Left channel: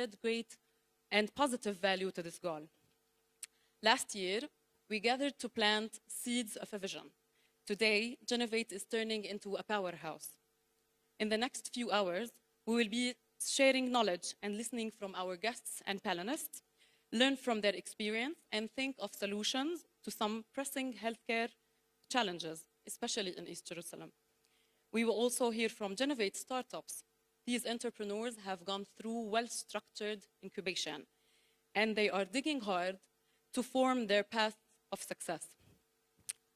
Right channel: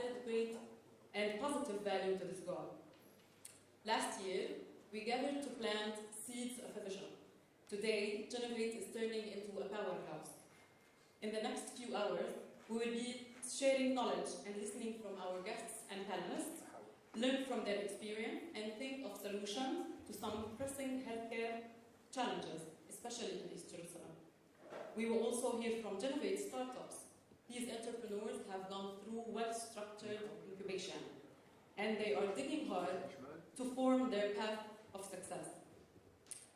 added great and positive value to this goal. Last year, we gathered to plant seeds of a vision. Today, Jinnovate is turning into a powerhouse. In the next few hours, we will be sharing knowledge and listening from our guests and panelists, learn from their experience, and think of solutions to some pressing healthcare challenges, especially in East Jerusalem. We will also hear from Jinnovate startups. These entrepreneurs have gone through well-structured incubation, and they are digging hard to form their path of success.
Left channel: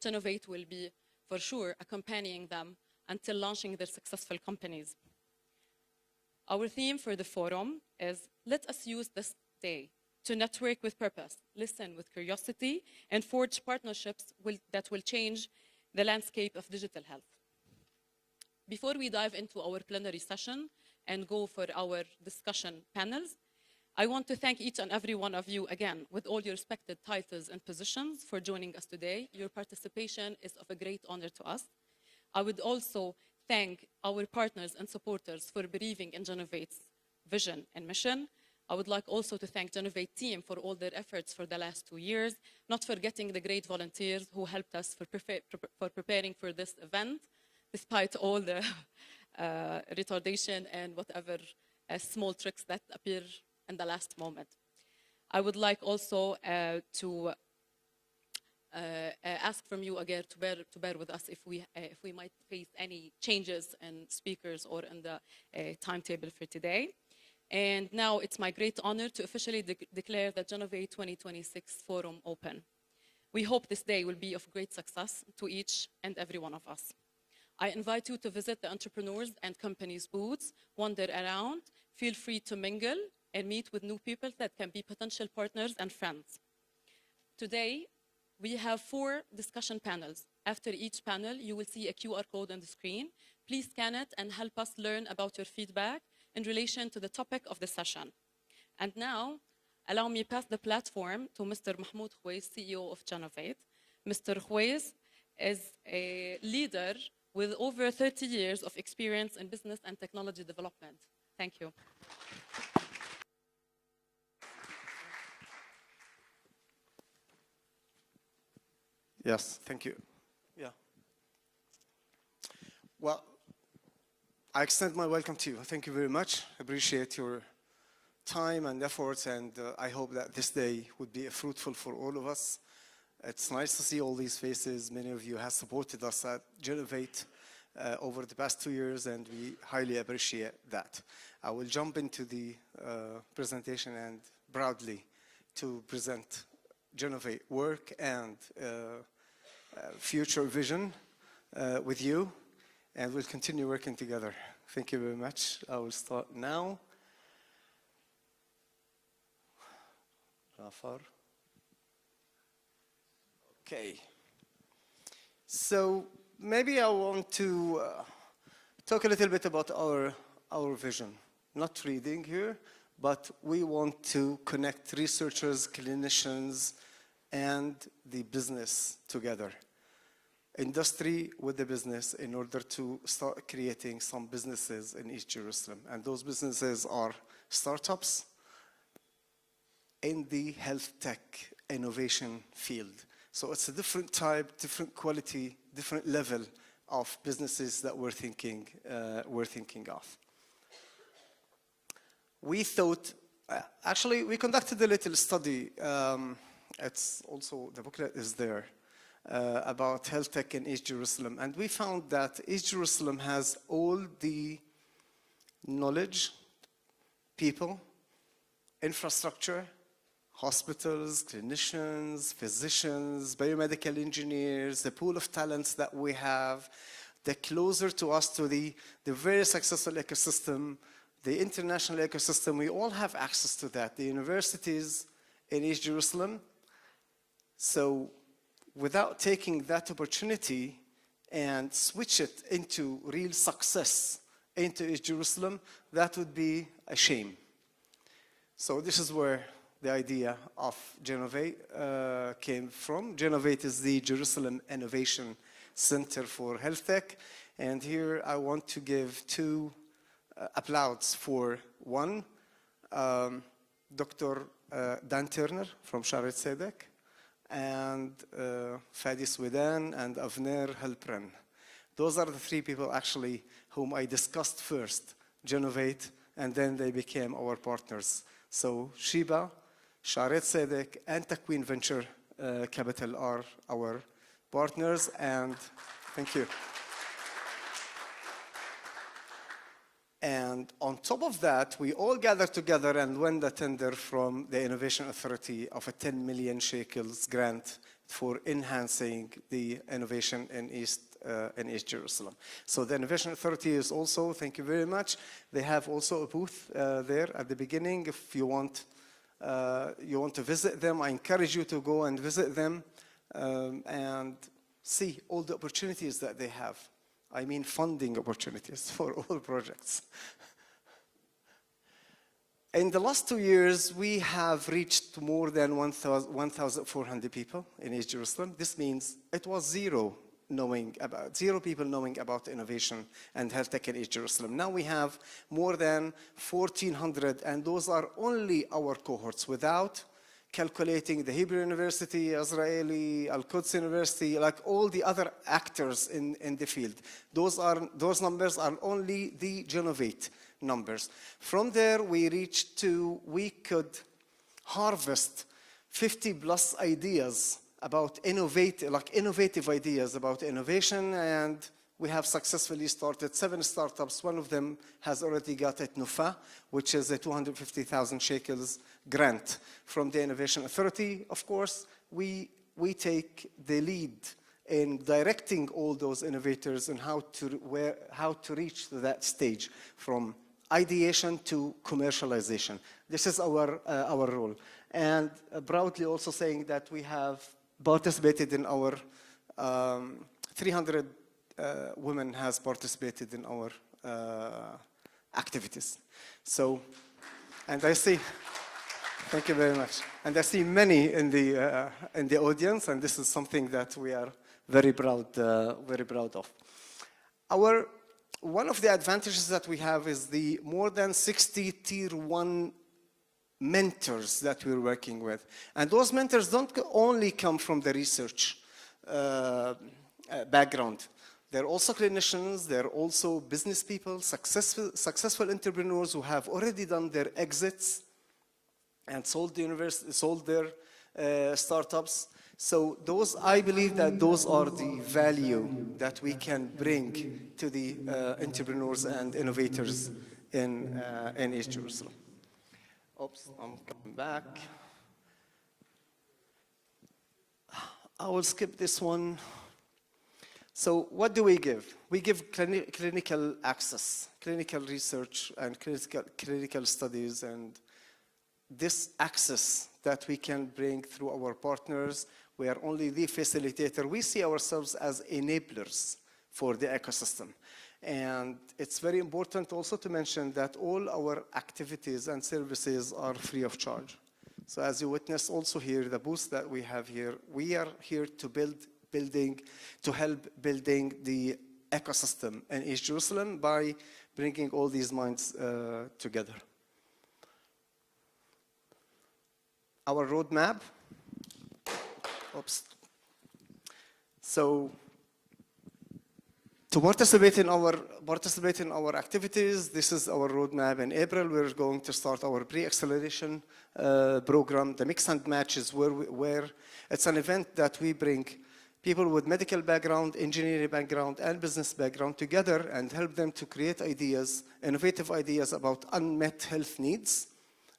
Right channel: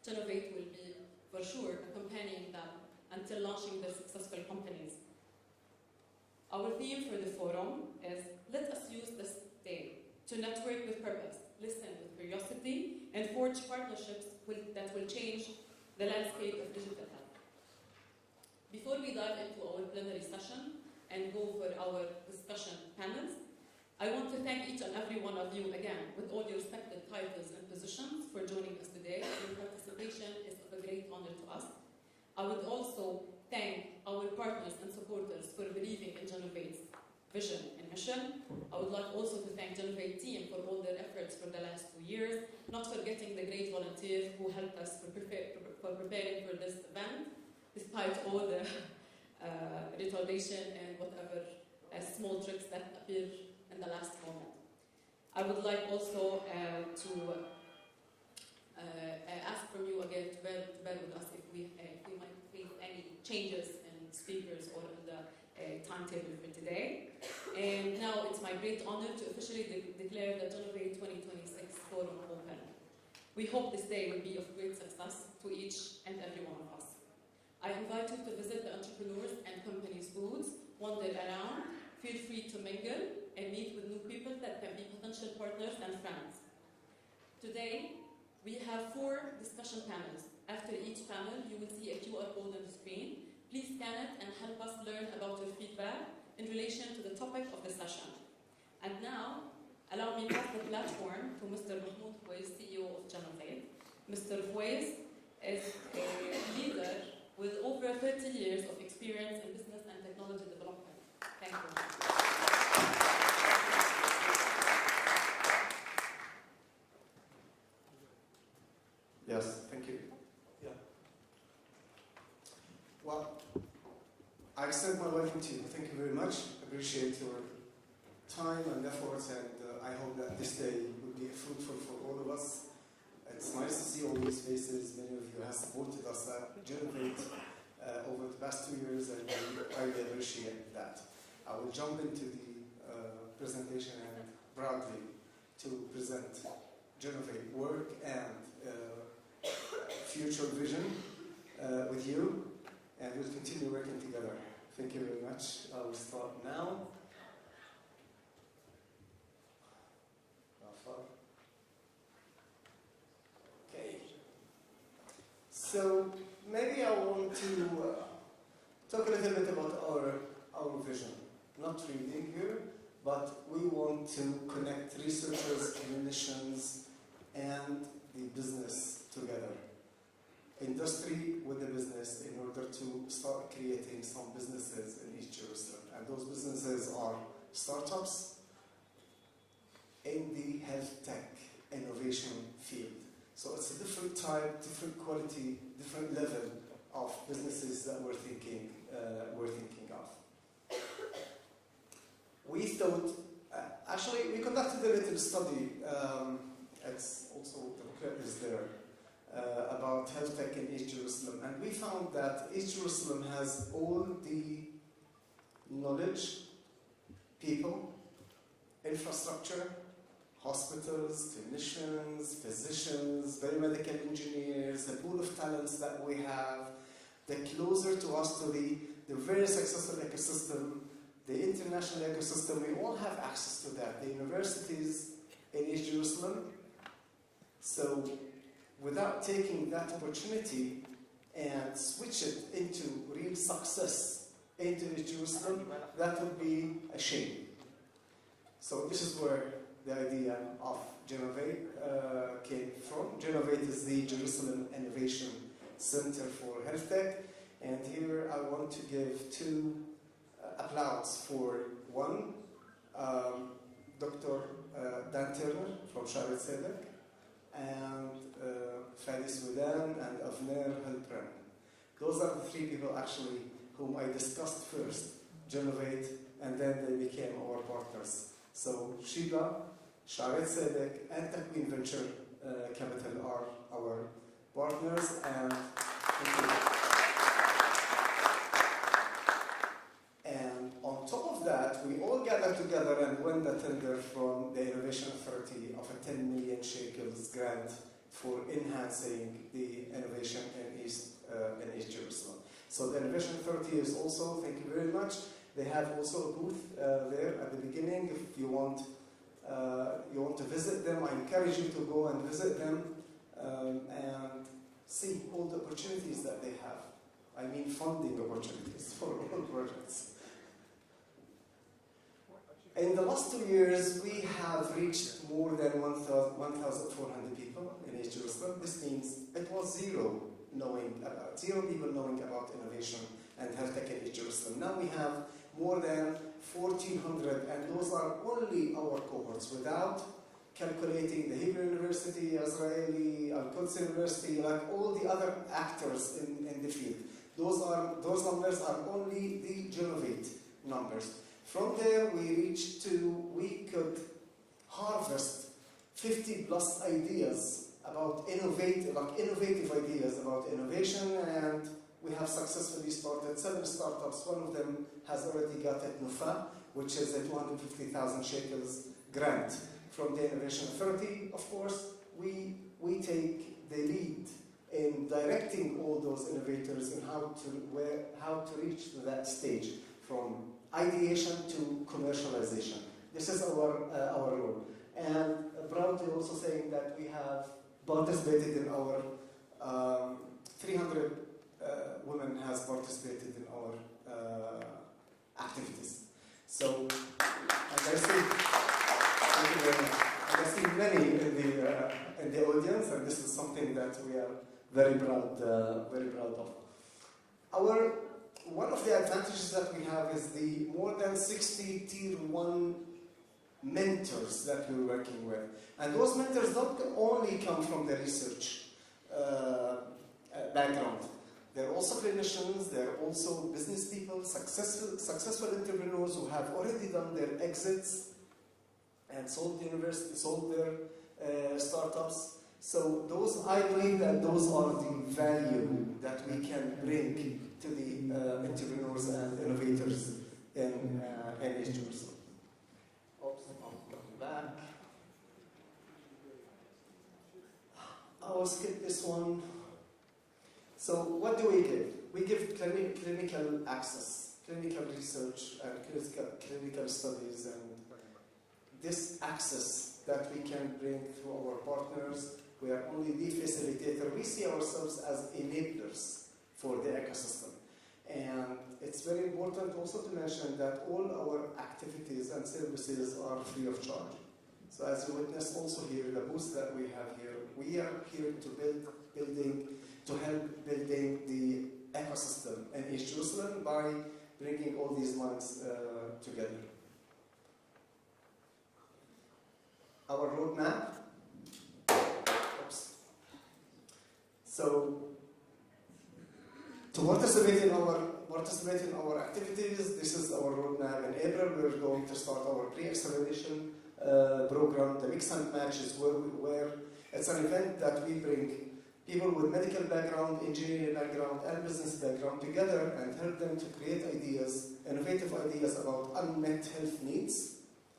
Jinnovate will be, for sure, accompanying them until launching their successful companies. Our theme for the forum is, let us use this day to network with purpose, listen with curiosity, and forge partnerships that will change the landscape of digital health. Before we dive into our plenary session and go for our discussion panels, I want to thank each and every one of you again, with all your respected titles and positions, for joining us today. Your participation is of a great honor to us. I would also thank our partners and supporters for believing in Jinnovate's vision and mission. I would like also to thank Jinnovate team for all their efforts for the last 2 years, not forgetting the great volunteers who helped us for preparing for this event, despite all the retardation and whatever small tricks that appear in the last moment. I would like also to ask from you again to bear with us if we might face any changes in speakers or in the timetable for today. And now it's my great honor to officially declare the Jinnovate 2026 Forum open. We hope this day will be of great success to each and every one of us. I invite you to visit the entrepreneurs and companies' booths, wander around, feel free to mingle and meet with new people that can be potential partners and friends. Today, we have 4 discussion panels. After each panel, you will see a QR code on the screen. Please scan it and help us learn about your feedback in relation to the topic of the session. And now, allow me to pass the platform to Mr. Mahmoud Khwaiz, CEO of Jinnovate. Mr. Khwaiz is a leader with over 30 years of experience in business and technology development. Thank you. Yes, thank you. Yeah. Well, I extend my welcome to you. Thank you very much. Appreciate your time and efforts, and I hope that this day would be fruitful for all of us. It's nice to see all these faces. Many of you have supported us at Jinnovate over the past 2 years, and we highly appreciate that. I will jump into the presentation and proudly to present Jinnovate work and future vision with you, and we'll continue working together. Thank you very much. I will start now. Okay. So maybe I want to talk a little bit about our vision. Not reading here, but we want to connect researchers, clinicians, and the business together. Industry with the business in order to start creating some businesses in East Jerusalem. And those businesses are startups in the health tech innovation field. So it's a different type, different quality, different level of businesses that we're thinking of. We thought, actually, we conducted a little study. It's also, the booklet is there, about health tech in East Jerusalem. And we found that East Jerusalem has all the knowledge, people, infrastructure, hospitals, clinicians, physicians, biomedical engineers, the pool of talents that we have, the closer to us to the very successful ecosystem, the international ecosystem. We all have access to that. The universities in East Jerusalem. So without taking that opportunity and switch it into real success into East Jerusalem, that would be a shame. So this is where the idea of Jinnovate came from. Jinnovate is the Jerusalem Innovation Center for Health Tech. And here I want to give 2 applauds for one, Dr. Dan Turner from Sharet Sedek, and Fadi Swedan and Avner Helpren. Those are the three people actually whom I discussed first, Jinnovate, and then they became our partners. So Sheba, Sharet Sedek, and Takwin Venture Capital are our partners, and thank you. And on top of that, we all gathered together and won the tender from the Innovation Authority of a 10 million shekels grant for enhancing the innovation in East Jerusalem. So the Innovation Authority is also, thank you very much, they have also a booth there at the beginning. If you want to visit them, I encourage you to go and visit them and see all the opportunities that they have. I mean funding opportunities for all projects. In the last 2 years, we have reached more than 1,400 people in East Jerusalem. This means it was zero people knowing about innovation and health tech in East Jerusalem. Now we have more than 1,400, and those are only our cohorts, without calculating the Hebrew University, Israeli, Al-Quds University, like all the other actors in the field. Those numbers are only the Jinnovate numbers. From there, we could harvest 50 plus ideas about innovative ideas about innovation, and we have successfully started 7 startups. One of them has already got a NUFA, which is a 250,000 shekels grant from the Innovation Authority. Of course, we take the lead in directing all those innovators and how to reach to that stage from ideation to commercialization. This is our role. And proudly also saying that we have participated in our 300 women has participated in our activities. So, and I see, thank you very much. And I see many in the audience, and this is something that we are very proud of. One of the advantages that we have is the more than 60 tier 1 mentors that we're working with. And those mentors don't only come from the research background. They're also clinicians, they're also business people, successful entrepreneurs who have already done their exits and sold their startups. So I believe that those are the value that we can bring to the entrepreneurs and innovators in East Jerusalem. Oops, I'm coming back. I will skip this one. So what do we give? We give clinical access, clinical research, and clinical studies, and this access that we can bring through our partners. We are only the facilitator. We see ourselves as enablers for the ecosystem. And it's very important also to mention that all our activities and services are free of charge. So as you witness also here, the booth that we have here, we are here to help building the ecosystem in East Jerusalem by bringing all these minds together. Our roadmap. Oops. So to participate in our activities, this is our roadmap. In April, we're going to start our pre-acceleration program. The mix and match is where it's an event that we bring people with medical background, engineering background, and business background together and help them to create ideas, innovative ideas about unmet health needs.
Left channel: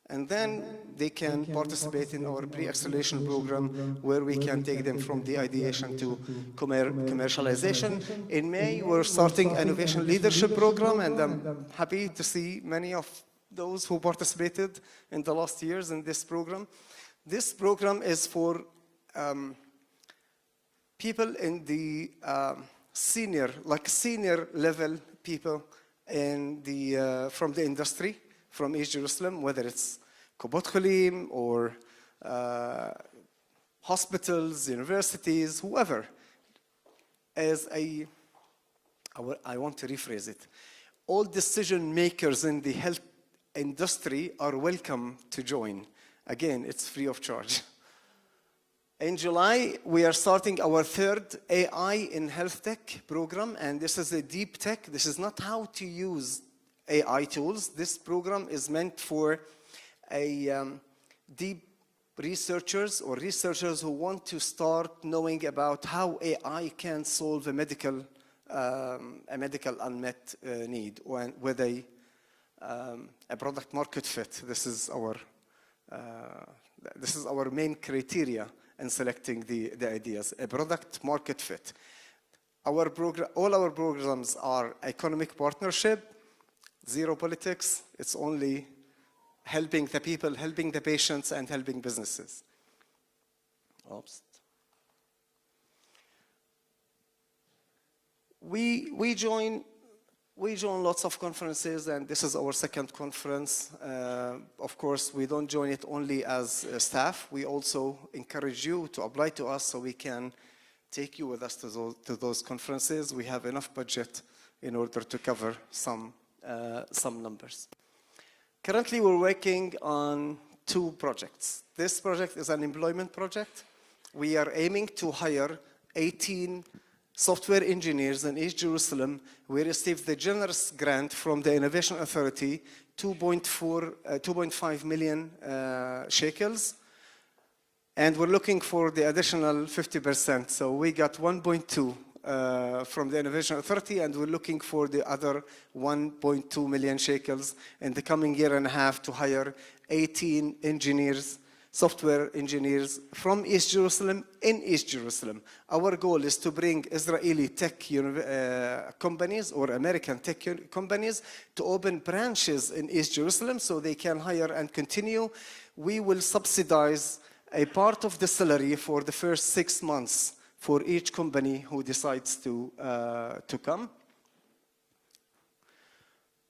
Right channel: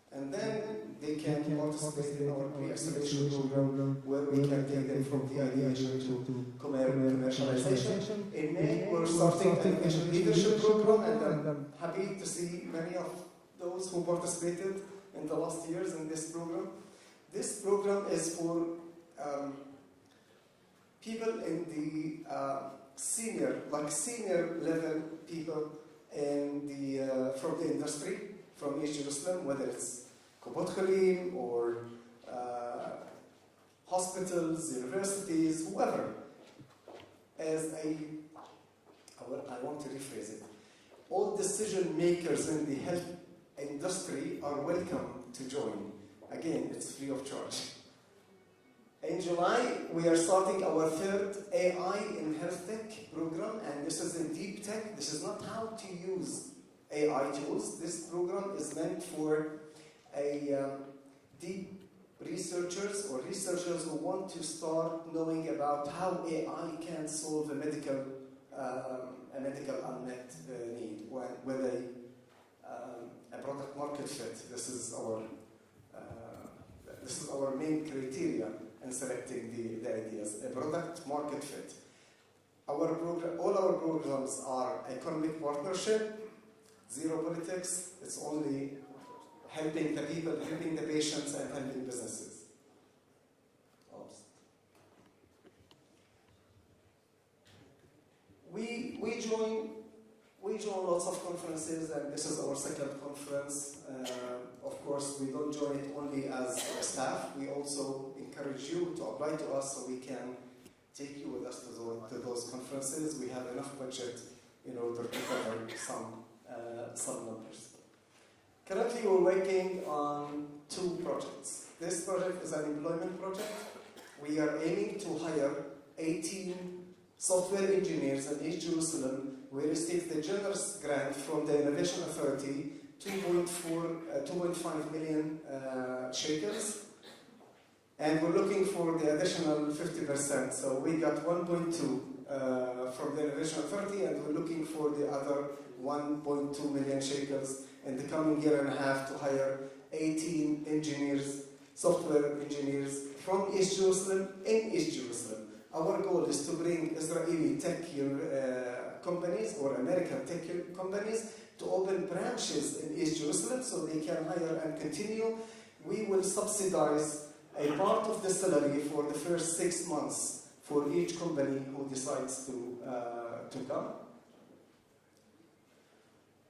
And then they can participate in our pre-acceleration program where we can take them from the ideation to commercialization. In May, we're starting an innovation leadership program, and I'm happy to see many of those who participated in the last years in this program. This program is for people in the senior level people from the industry, from East Jerusalem, whether it's Kubot Khalim or hospitals, universities, whoever. I want to rephrase it. All decision makers in the health industry are welcome to join. Again, it's free of charge. In July, we are starting our third AI in HealthTech program, and this is a deep tech. This is not how to use AI tools. This program is meant for deep researchers or researchers who want to start knowing about how AI can solve a medical unmet need with a product market fit. This is our main criteria in selecting the ideas, a product market fit. All our programs are economic partnership, zero politics. It's only helping the people, helping the patients, and helping businesses. Oops. We join lots of conferences, and this is our second conference. Of course, we don't join it only as staff. We also encourage you to apply to us so we can take you with us to those conferences. We have enough budget in order to cover some numbers. Currently, we're working on 2 projects. This project is an employment project. We are aiming to hire 18 software engineers in East Jerusalem. We received the generous grant from the Innovation Authority, 2.5 million shekels. And we're looking for the additional 50%. So we got 1.2 from the Innovation Authority, and we're looking for the other 1.2 million shekels in the coming year and a half to hire 18 engineers, software engineers from East Jerusalem in East Jerusalem. Our goal is to bring Israeli tech companies or American tech companies to open branches in East Jerusalem so they can hire and continue. We will subsidize a part of the salary for the first 6 months for each company who decides to come.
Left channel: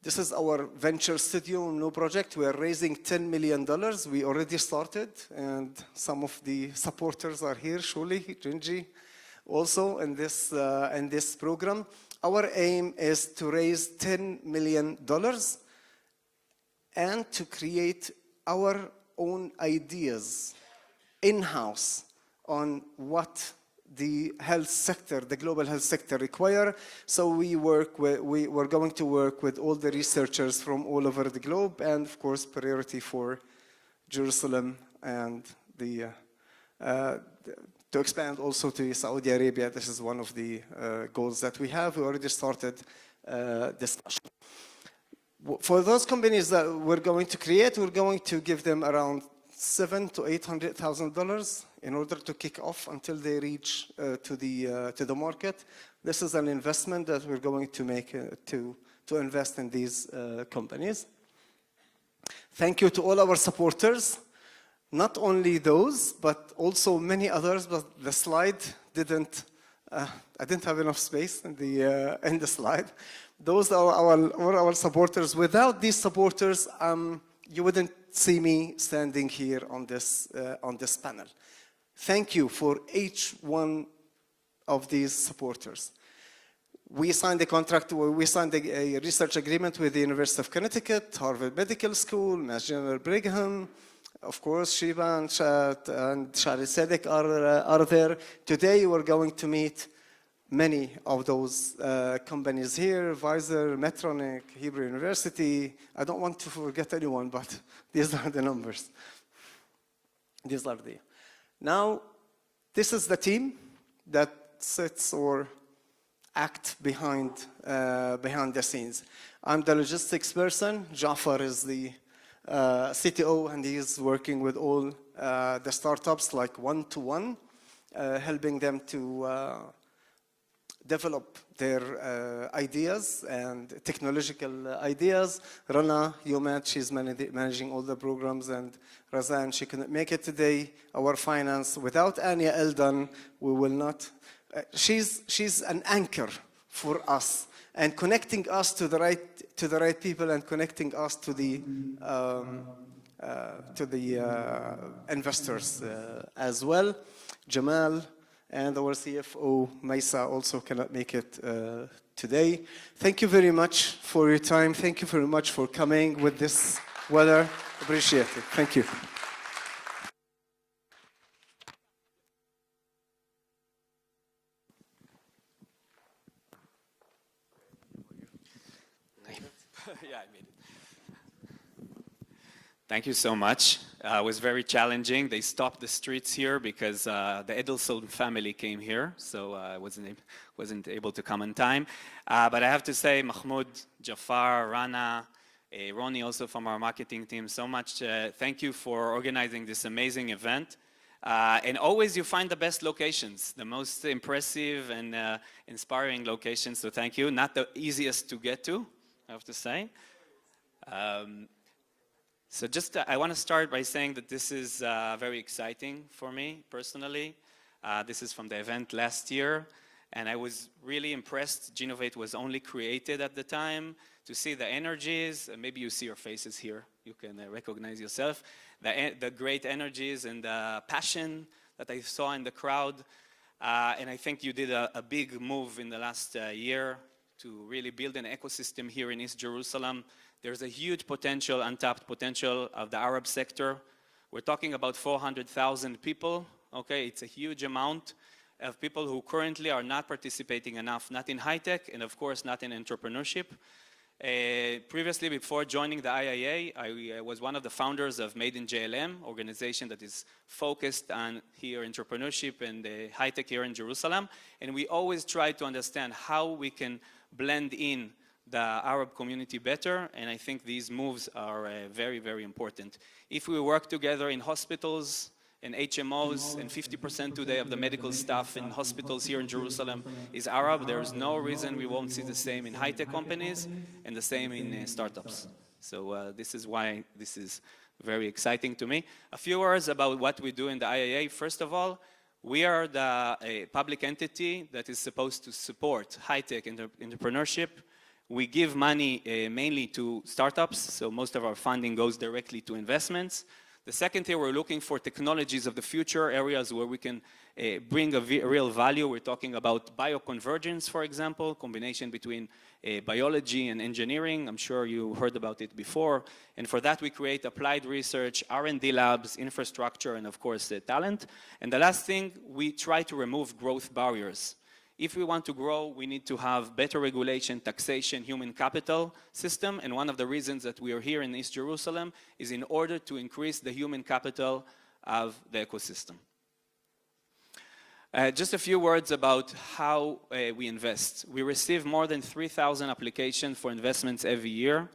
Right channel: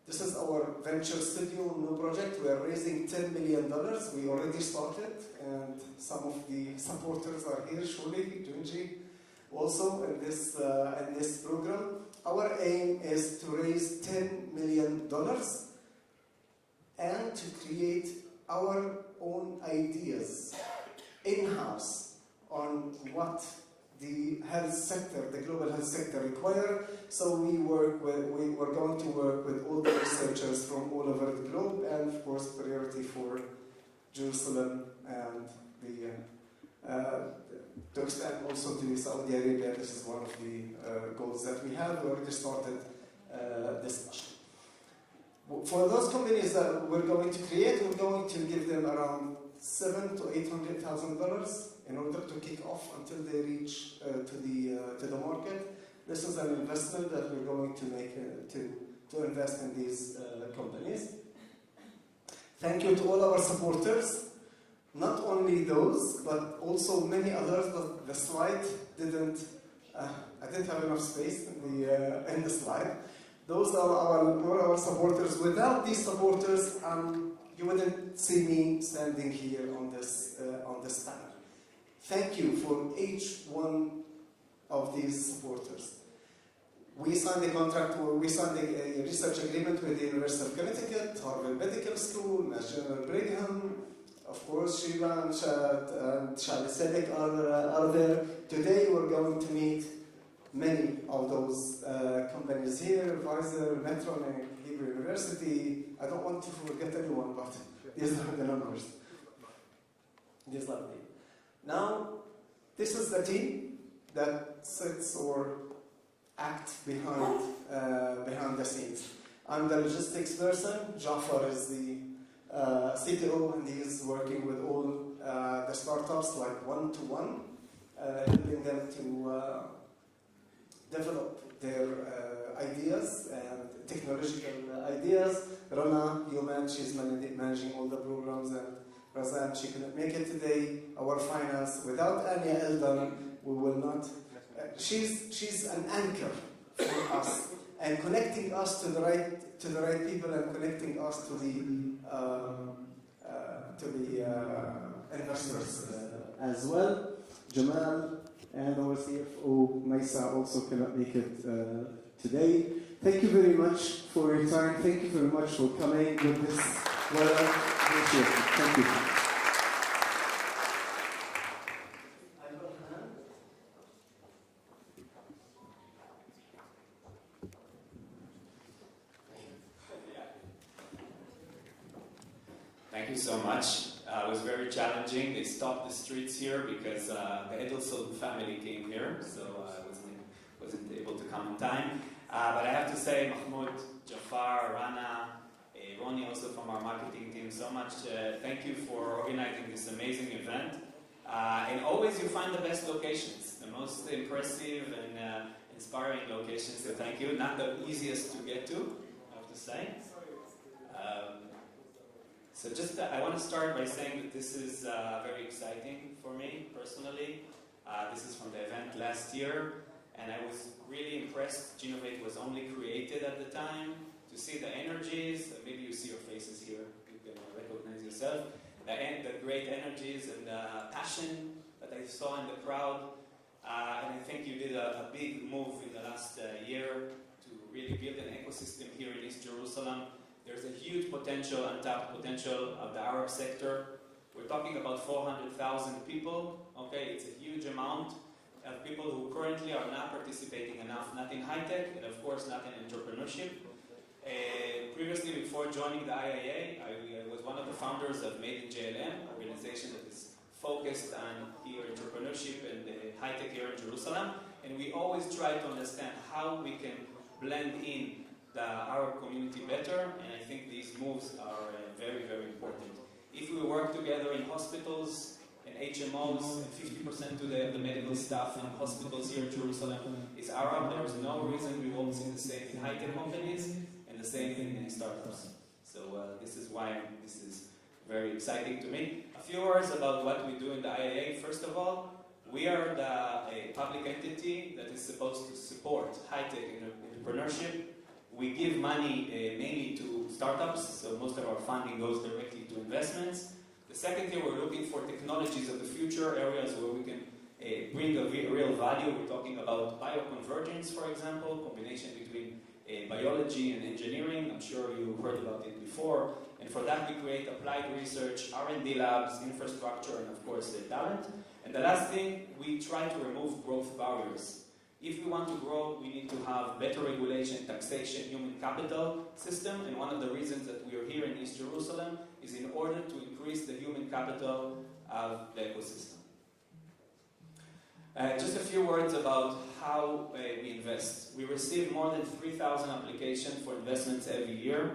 This is our venture studio new project. We are raising $10 million. We already started, and some of the supporters are here, Shuli, Jinji, also in this program. Our aim is to raise $10 million and to create our own ideas in-house on what the health sector, the global health sector require. So we're going to work with all the researchers from all over the globe, and of course priority for Jerusalem and to expand also to Saudi Arabia. This is one of the goals that we have. We already started discussion. For those companies that we're going to create, we're going to give them around $700,000 to $800,000 in order to kick off until they reach to the market. This is an investment that we're going to make to invest in these companies. Thank you to all our supporters. Not only those, but also many others. But the slide didn't. I didn't have enough space in the slide. Those are all our supporters. Without these supporters, you wouldn't see me standing here on this panel. Thank you for each one of these supporters. We signed a contract. We signed a research agreement with the University of Connecticut, Harvard Medical School, Mass General Brigham. Of course, Shiva and Shali Sedek are there. Today, we're going to meet many of those companies here, Pfizer, Medtronic, Hebrew University. I don't want to forget anyone, but these are the numbers. These are the. Now, this is the team that sits or act behind the scenes. I'm the logistics person. Jafar is the CTO, and he's working with all the startups like one-to-one, helping them to develop their ideas and technological ideas. Rana Yomat, she's managing all the programs, and Razan, she couldn't make it today. Our finance, without Anya Eldan, we will not. She's an anchor for us and connecting us to the right people and connecting us to the investors as well. Jamal and our CFO, Maisa, also cannot make it today. Thank you very much for your time. Thank you very much for coming with this Well, appreciate it. Thank you. Thank you so much. It was very challenging. They stopped the streets here because the Edelson family came here, so I wasn't able to come on time. But I have to say, Mahmoud, Jafar, Rana, Ronnie also from our marketing team, so much thank you for organizing this amazing event. And always you find the best locations, the most impressive and inspiring locations, so thank you. Not the easiest to get to, I have to say. So just, I want to start by saying that this is very exciting for me personally. This is from the event last year, and I was really impressed. Jinnovate was only created at the time. To see the energies, maybe you see your faces here, you can recognize yourself. The great energies and the passion that I saw in the crowd. And I think you did a big move in the last year to really build an ecosystem here in East Jerusalem. There's a huge potential, untapped potential of the Arab sector. We're talking about 400,000 people, okay? It's a huge amount of people who currently are not participating enough, not in high-tech, and of course not in entrepreneurship. Previously, before joining the IIA, I was one of the founders of Made in JLM, organization that is focused on here entrepreneurship and high-tech here in Jerusalem. And we always try to understand how we can blend in the Arab community better, and I think these moves are very, very important. If we work together in hospitals and HMOs, and 50% today of the medical staff in hospitals here in Jerusalem is Arab, there is no reason we won't see the same in high-tech companies and the same in startups. So this is why this is very exciting to me. A few words about what we do in the IIA. First of all, we are the public entity that is supposed to support high-tech entrepreneurship. We give money mainly to startups, so most of our funding goes directly to investments. The second thing, we're looking for technologies of the future, areas where we can bring a real value. We're talking about bioconvergence, for example, combination between biology and engineering. I'm sure you heard about it before. And for that, we create applied research, R&D labs, infrastructure, and of course, talent. And the last thing, we try to remove growth barriers. If we want to grow, we need to have better regulation, taxation, human capital system. And one of the reasons that we are here in East Jerusalem is in order to increase the human capital of the ecosystem. Just a few words about how we invest. We receive more than 3,000 applications for investments every year.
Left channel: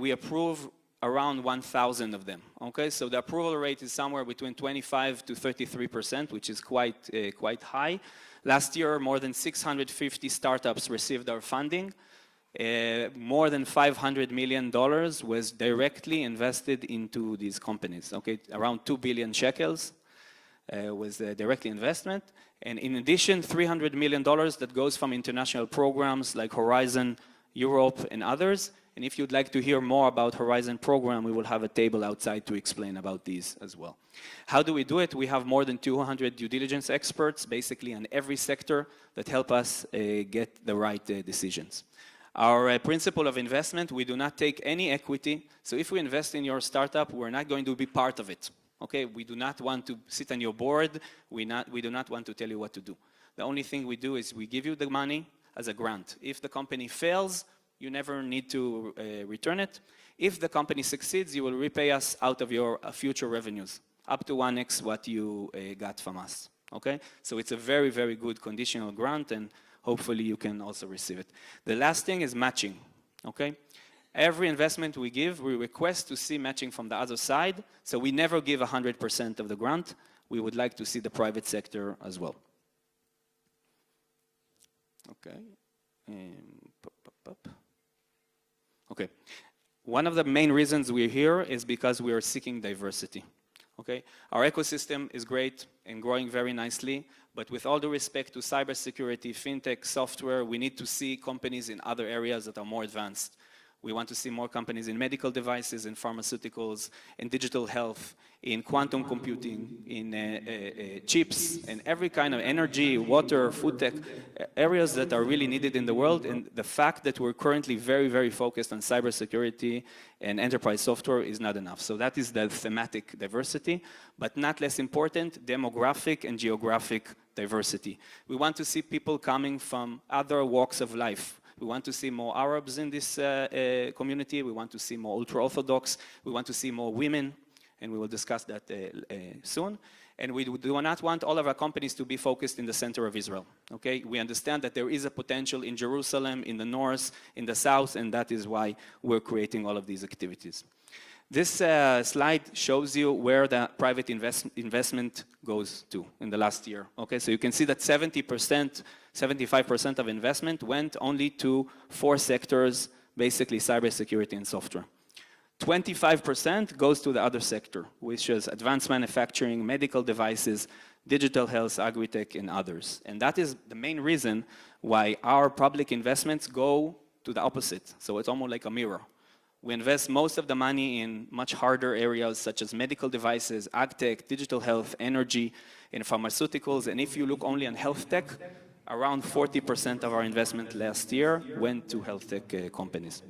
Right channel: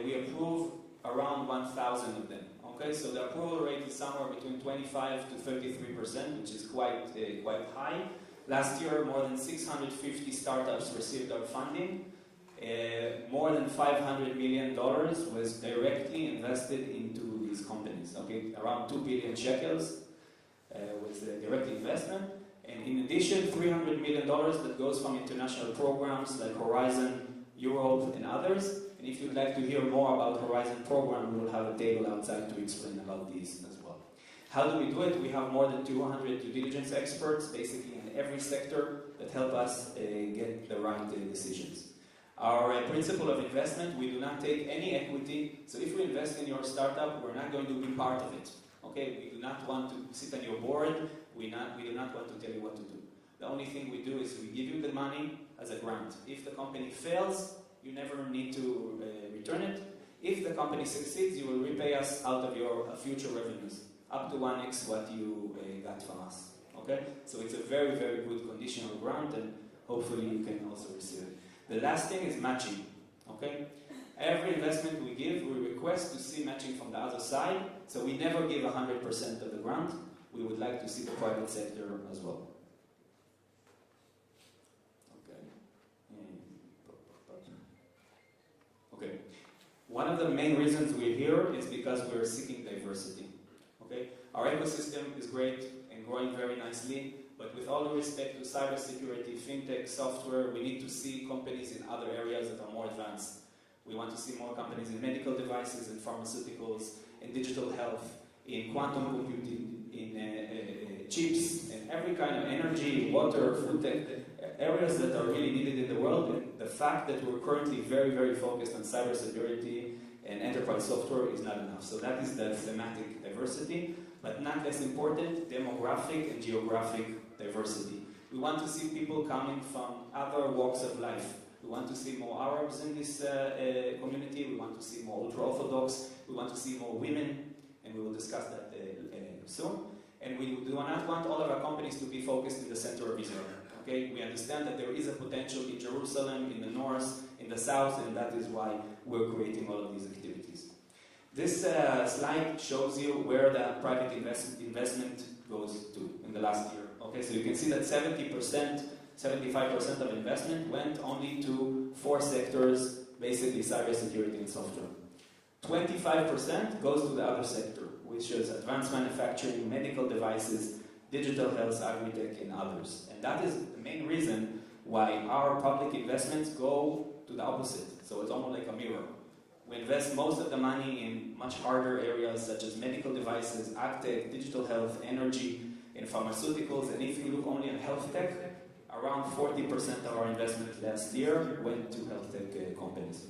We approve around 1,000 of them. Okay, so the approval rate is somewhere between 25 to 33%, which is quite high. Last year, more than 650 startups received our funding. More than $500 million was directly invested into these companies. Okay, around 2 billion shekels was the direct investment. And in addition, $300 million that goes from international programs like Horizon, Europe, and others. And if you'd like to hear more about Horizon program, we will have a table outside to explain about these as well. How do we do it? We have more than 200 due diligence experts, basically in every sector, that help us get the right decisions. Our principle of investment, we do not take any equity. So if we invest in your startup, we're not going to be part of it. Okay, we do not want to sit on your board. We do not want to tell you what to do. The only thing we do is we give you the money as a grant. If the company fails, you never need to return it. If the company succeeds, you will repay us out of your future revenues, up to 1x what you got from us. Okay, so it's a very, very good conditional grant, and hopefully you can also receive it. The last thing is matching. Okay, every investment we give, we request to see matching from the other side. So we never give 100% of the grant. We would like to see the private sector as well. Okay. Okay. One of the main reasons we're here is because we are seeking diversity. Okay? Our ecosystem is great and growing very nicely, but with all due respect to cybersecurity, fintech, software, we need to see companies in other areas that are more advanced. We want to see more companies in medical devices, in pharmaceuticals, in digital health, in quantum computing, in chips, and every kind of energy, water, food tech, areas that are really needed in the world. And the fact that we're currently very, very focused on cybersecurity and enterprise software is not enough. So that is the thematic diversity, but not less important, demographic and geographic diversity. We want to see people coming from other walks of life. We want to see more Arabs in this community. We want to see more ultra-Orthodox. We want to see more women, and we will discuss that soon. And we do not want all of our companies to be focused in the center of Israel. Okay? We understand that there is a potential in Jerusalem, in the north, in the south, and that is why we're creating all of these activities. This slide shows you where the private investment goes to in the last year. Okay, so you can see that 70%, 75% of investment went only to 4 sectors, basically cybersecurity and software. 25% goes to the other sector, which is advanced manufacturing, medical devices, digital health, agri-tech, and others. And that is the main reason why our public investments go to the opposite. So it's almost like a mirror. We invest most of the money in much harder areas such as medical devices, ag-tech, digital health, energy, and pharmaceuticals. And if you look only on health tech, around 40% of our investment last year went to health tech companies.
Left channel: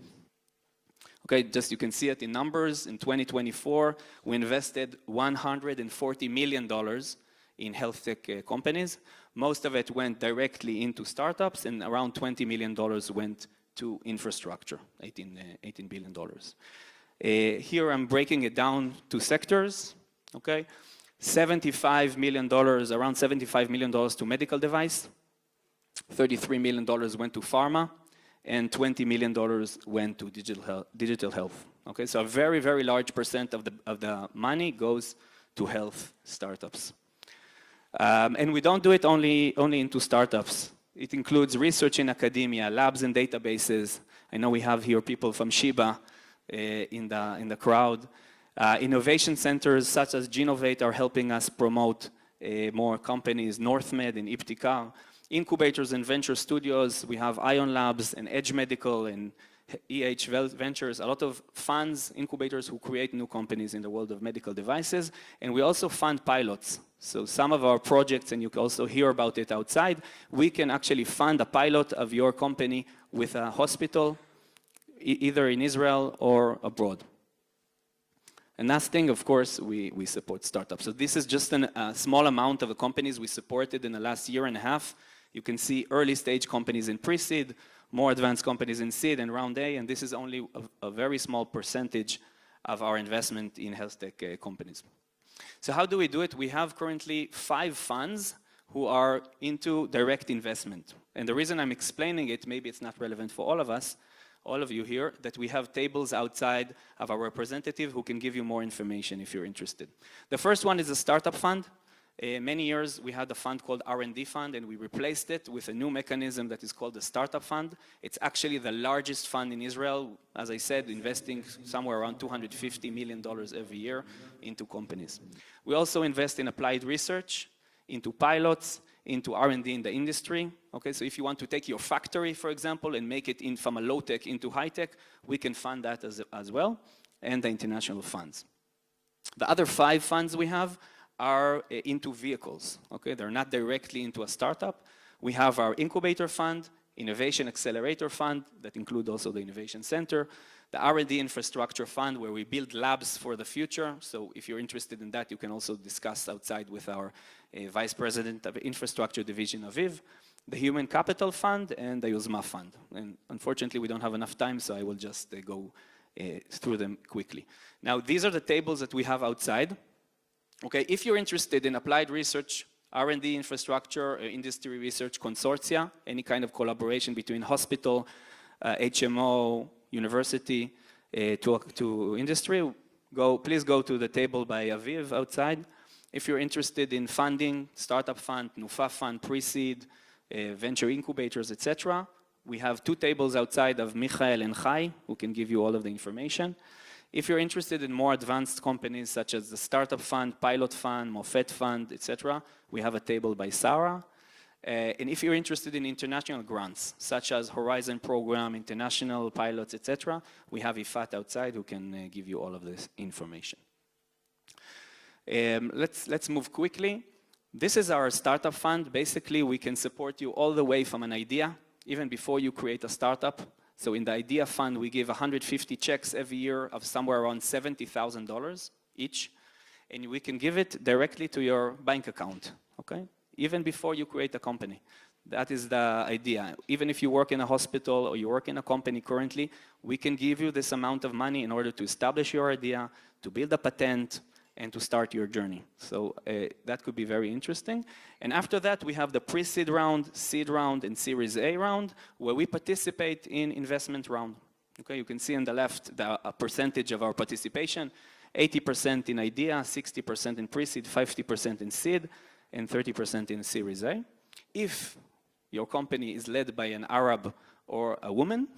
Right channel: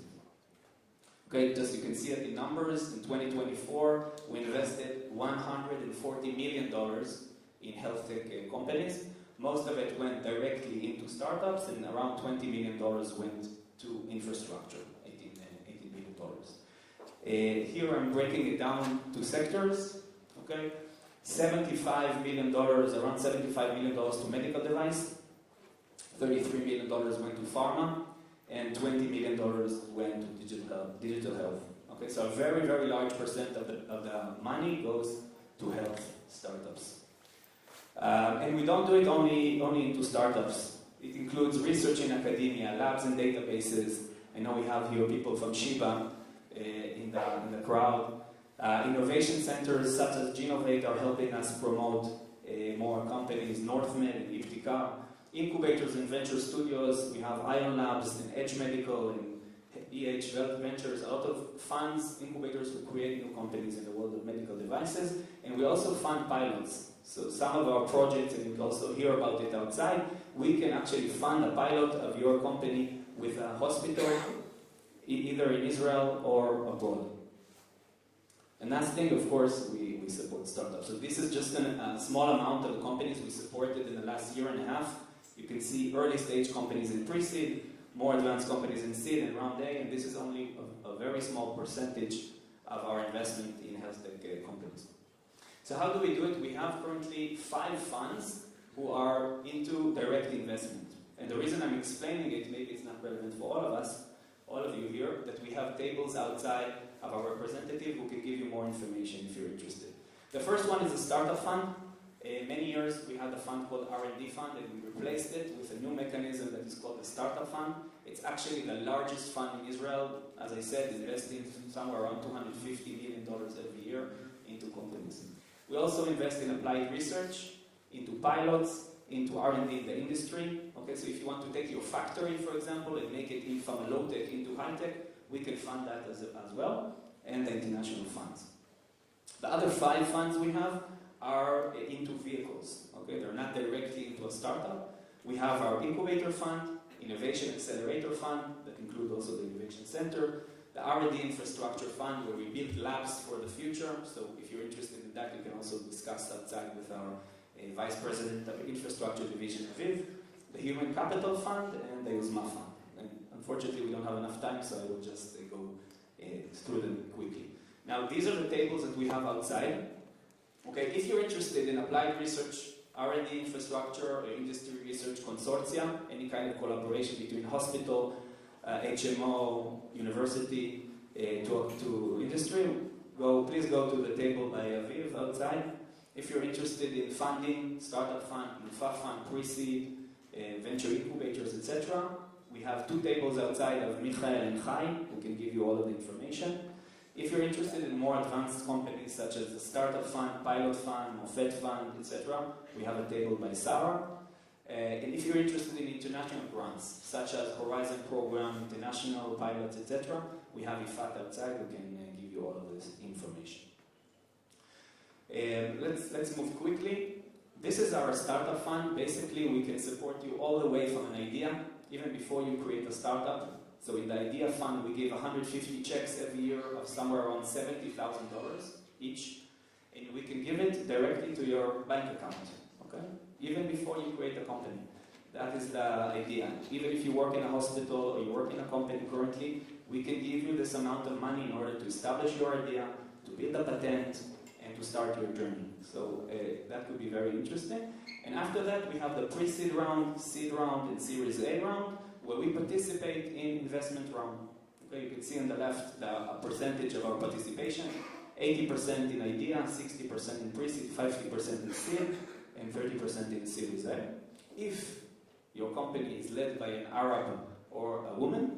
Okay, just you can see it in numbers. In 2024, we invested $140 million in health tech companies. Most of it went directly into startups, and around $20 million went to infrastructure, $18 billion. Here I'm breaking it down to sectors, okay? $75 million, around $75 million to medical device, $33 million went to pharma, and $20 million went to digital health. Okay, so a very, very large percent of the money goes to health startups. And we don't do it only into startups. It includes research in academia, labs and databases. I know we have here people from Sheba in the crowd. Innovation centers such as Jinnovate are helping us promote more companies, NorthMed and Iptikar. Incubators and venture studios, we have Ion Labs and Edge Medical and EH Ventures, a lot of funds, incubators who create new companies in the world of medical devices. And we also fund pilots. So some of our projects, and you can also hear about it outside, we can actually fund a pilot of your company with a hospital, either in Israel or abroad. And last thing, of course, we support startups. So this is just a small amount of the companies we supported in the last year and a half. You can see early stage companies in pre-seed, more advanced companies in seed and round A, and this is only a very small percentage of our investment in health tech companies. So how do we do it? We have currently 5 funds who are into direct investment. And the reason I'm explaining it, maybe it's not relevant for all of us, all of you here, that we have tables outside of our representative who can give you more information if you're interested. The first one is a startup fund. Many years we had a fund called R&D fund, and we replaced it with a new mechanism that is called the startup fund. It's actually the largest fund in Israel, as I said, investing somewhere around $250 million every year into companies. We also invest in applied research, into pilots, into R&D in the industry. Okay, so if you want to take your factory, for example, and make it from a low-tech into high-tech, we can fund that as well, and the international funds. The other 5 funds we have are into vehicles. Okay, they're not directly into a startup. We have our incubator fund, innovation accelerator fund, that include also the innovation center, the R&D infrastructure fund, where we build labs for the future. So if you're interested in that, you can also discuss outside with our vice president of infrastructure division, Aviv, the human capital fund, and the Yozma fund. And unfortunately, we don't have enough time, so I will just go through them quickly. Now, these are the tables that we have outside. Okay, if you're interested in applied research, R&D infrastructure, industry research consortia, any kind of collaboration between hospital, HMO, university, to industry, please go to the table by Aviv outside. If you're interested in funding, startup fund, Nufa fund, pre-seed, venture incubators, etc., we have 2 tables outside of Michael and Chai, who can give you all of the information. If you're interested in more advanced companies such as the Startup Fund, Pilot Fund, Mofet Fund, etc., we have a table by Sarah. And if you're interested in international grants, such as Horizon Program, international pilots, etc., we have Ifat outside who can give you all of this information. Let's move quickly. This is our startup fund. Basically, we can support you all the way from an idea, even before you create a startup. So in the idea fund, we give 150 checks every year of somewhere around $70,000 each, and we can give it directly to your bank account, okay? Even before you create a company. That is the idea. Even if you work in a hospital or you work in a company currently, we can give you this amount of money in order to establish your idea, to build a patent, and to start your journey. So that could be very interesting. And after that, we have the pre-seed round, seed round, and Series A round, where we participate in investment round. Okay, you can see on the left the percentage of our participation, 80% in idea, 60% in pre-seed, 50% in seed, and 30% in Series A. If your company is led by an Arab or a woman,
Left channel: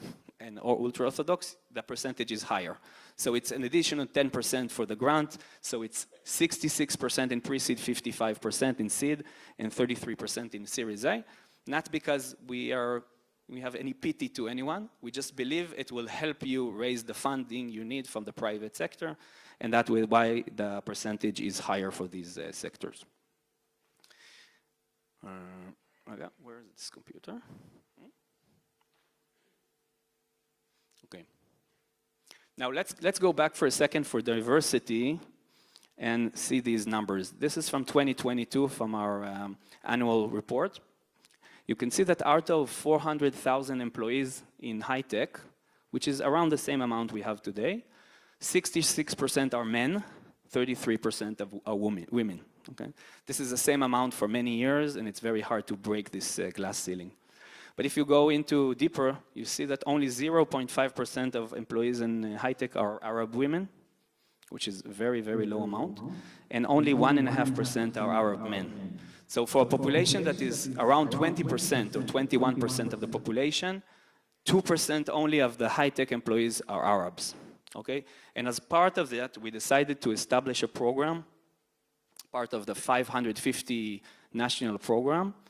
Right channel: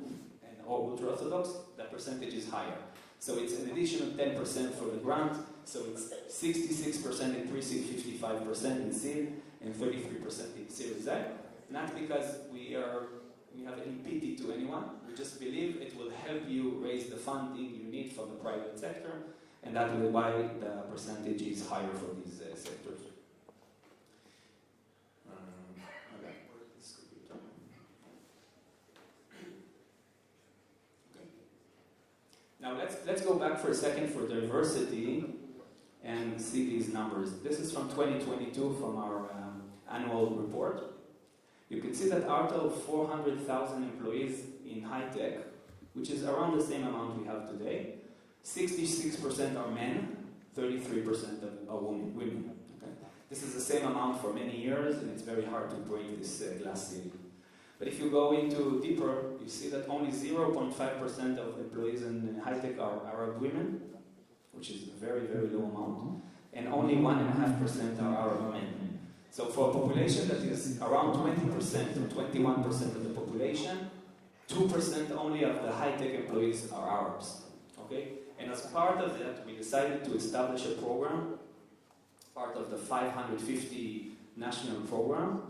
or ultra-Orthodox, the percentage is higher. So it's an additional 10% for the grant, so it's 66% in pre-seed, 55% in seed, and 33% in Series A. Not because we have any pity to anyone, we just believe it will help you raise the funding you need from the private sector, and that is why the percentage is higher for these sectors. Where's this computer? Okay. Now let's go back for a second for diversity and see these numbers. This is from 2022 from our annual report. You can see that out of 400,000 employees in high tech, which is around the same amount we have today, 66% are men, 33% are women. Okay? This is the same amount for many years, and it's very hard to break this glass ceiling. But if you go into deeper, you see that only 0.5% of employees in high tech are Arab women, which is a very, very low amount, and only 1.5% are Arab men. So for a population that is around 20% or 21% of the population, 2% only of the high tech employees are Arabs. Okay? And as part of that, we decided to establish a program, part of the 550 national program,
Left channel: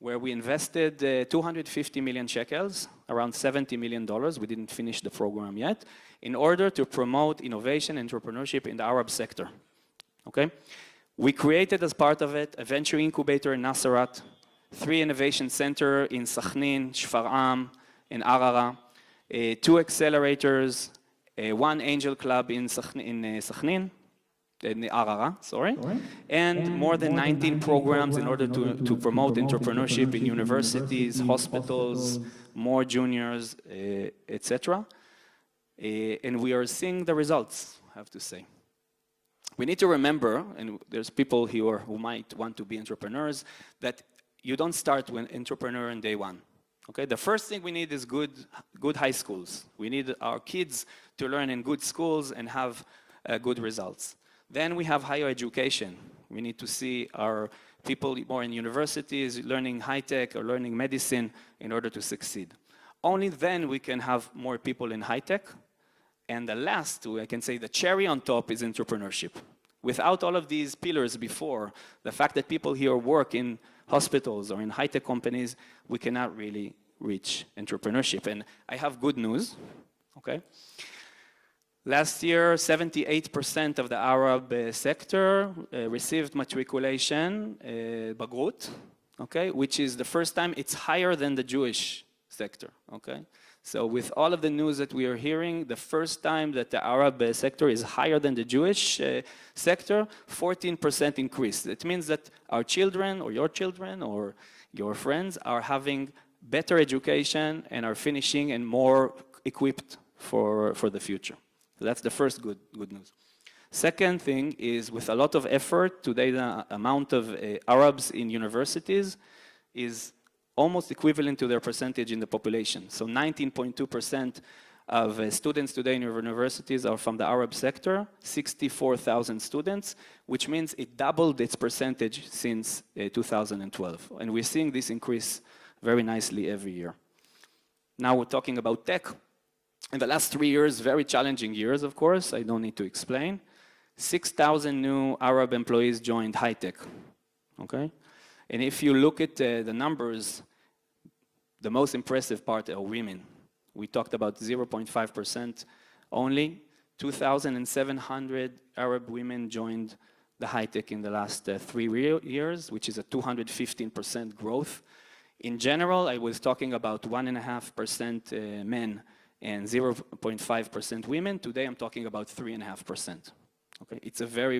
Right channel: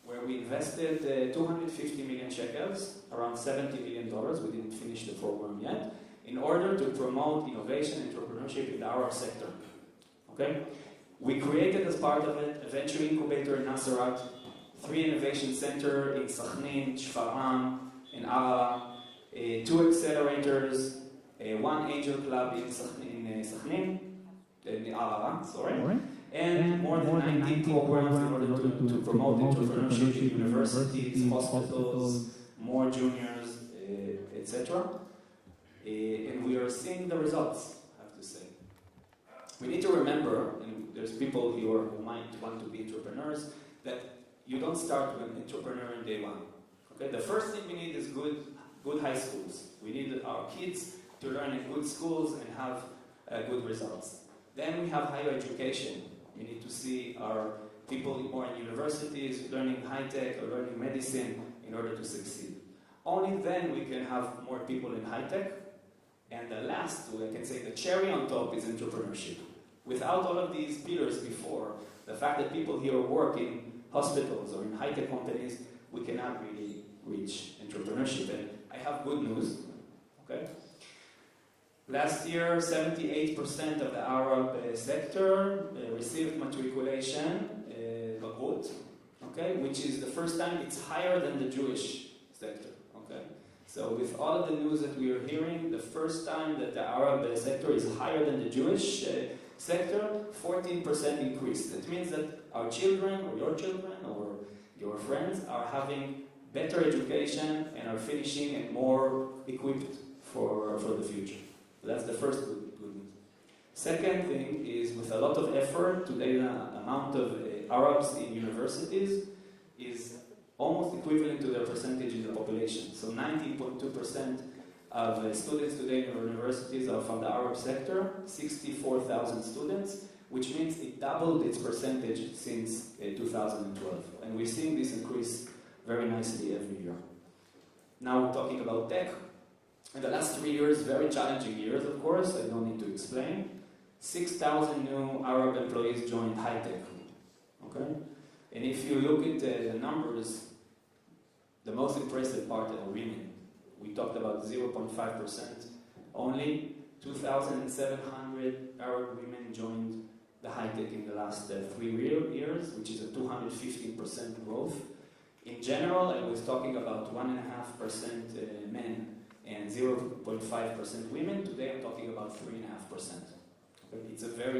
where we invested 250 million shekels, around $70 million, we didn't finish the program yet, in order to promote innovation and entrepreneurship in the Arab sector. Okay? We created as part of it a venture incubator in Nasserat, 3 innovation centers in Sakhnin, Shfar'am, and Arara, 2 accelerators, 1 angel club in Sakhnin, in Arara, sorry, and more than 19 programs in order to promote entrepreneurship in universities, hospitals, more juniors, etc. And we are seeing the results, I have to say. We need to remember, and there's people here who might want to be entrepreneurs, that you don't start with entrepreneur on day one. Okay? The first thing we need is good high schools. We need our kids to learn in good schools and have good results. Then we have higher education. We need to see our people more in universities, learning high tech or learning medicine in order to succeed. Only then we can have more people in high tech. And the last, I can say the cherry on top, is entrepreneurship. Without all of these pillars before, the fact that people here work in hospitals or in high-tech companies, we cannot really reach entrepreneurship. And I have good news, okay? Last year, 78% of the Arab sector received matriculation, Bagrut, okay? Which is the first time it's higher than the Jewish sector, okay? So with all of the news that we are hearing, the first time that the Arab sector is higher than the Jewish sector, 14% increase. It means that our children or your friends are having better education and are finishing and more equipped for the future. So that's the first good news. Second thing is, with a lot of effort, today the amount of Arabs in universities is almost equivalent to their percentage in the population. So 19.2% of students today in universities are from the Arab sector, 64,000 students, which means it doubled its percentage since 2012. And we're seeing this increase very nicely every year. Now we're talking about tech. In the last 3 years, very challenging years, of course, I don't need to explain. 6,000 new Arab employees joined high tech, okay? And if you look at the numbers, the most impressive part are women. We talked about 0.5% only. 2,700 Arab women joined the high tech in the last 3 years, which is a 215% growth. In general, I was talking about 1.5% men and 0.5% women. Today, I'm talking about 3.5%. Okay, it's a very,